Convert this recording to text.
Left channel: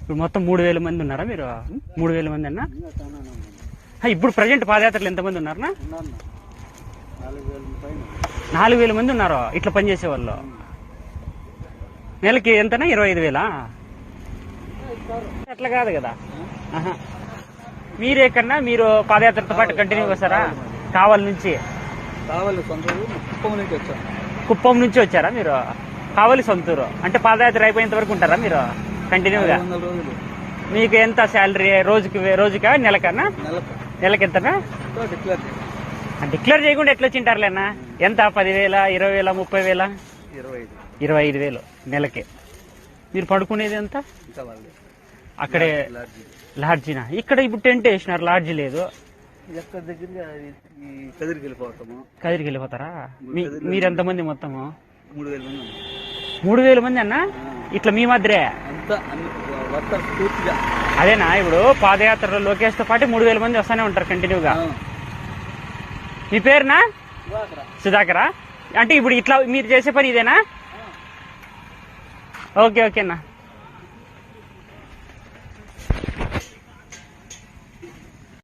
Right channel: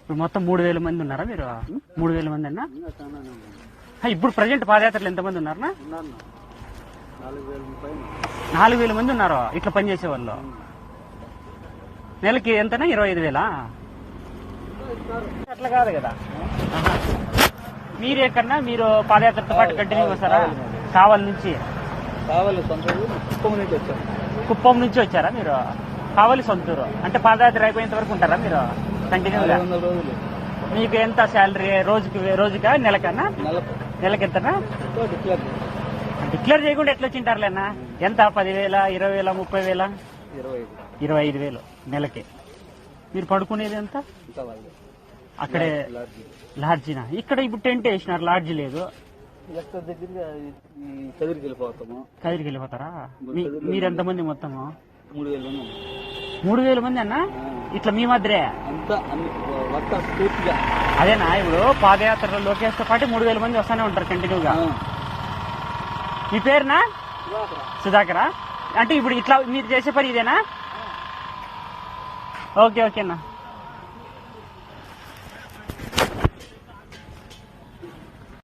ఇప్పుడు మొత్తం మూడు వేల మంది ఉన్నారా మీరు? మూడు వేల మంది అన్న? ఇప్పుడు ప్రజెంట్ పాదయాత్రలు ఎంతమంది ఉన్నారన్నా? ఉన్నాను నాలుగు వేల మంది ఉన్నారు? ఇట్లా పనిచేసే వాళ్ళు. నెలకి ఎంతనా? ఇరవై ఐదు వేలా? అట్లా కాదు కదా. మీరే కన్నా మీరు పాదయాత్రతో పాటు కంటిన్యూ వస్తారా కావాలి నుంచి? కుప్పం నుంచి వచ్చారా మీరు? కావాలి సొంతూరు. అంటే పాదయాత్ర అయిపోయేంత వరకు ఉంటారా మీరు? కంటిన్యూగా మీకు ఎంత శాలరీ రోజుకి రోజుకా నెలకన్నా నెలకు. ఎంతనా డిక్లేర్ చేయకుండా ఎట్లా వచ్చింటారులేనా ఎంత? పదివేల ఇరవై వేల ముప్పై వేల ఇరవై ఐదు వేలు నెలకి. మీరు పడుకునేది ఎంత? అక్కడే లాడ్జి లాడ్జినా? ఇక్కడ ఇప్పుడు టెంట్ వేసినారు లాడ్జి లేదు. కదిరికి వెళ్ళిపోతాము కదిరికి వెళ్ళిపోతారా మీరు ఎంతమంది మొత్తము మూడు వేల మంది ఉన్నాం. మూడు వేల మంది. అన్న ఇట్లా మీ మధ్యరే అదేనా? ఇప్పుడు పాదయాత్రలో లోకేష్తో పాటు మూడు వేల మంది వస్తూనే ఉంటారు కంటిన్యూగా. మీ పేరునా? సుధాకరా. అంటే ఇప్పుడు ఇట్లా మీరు చేసే పని ఇదేనా? ఓకే ఓకే అన్న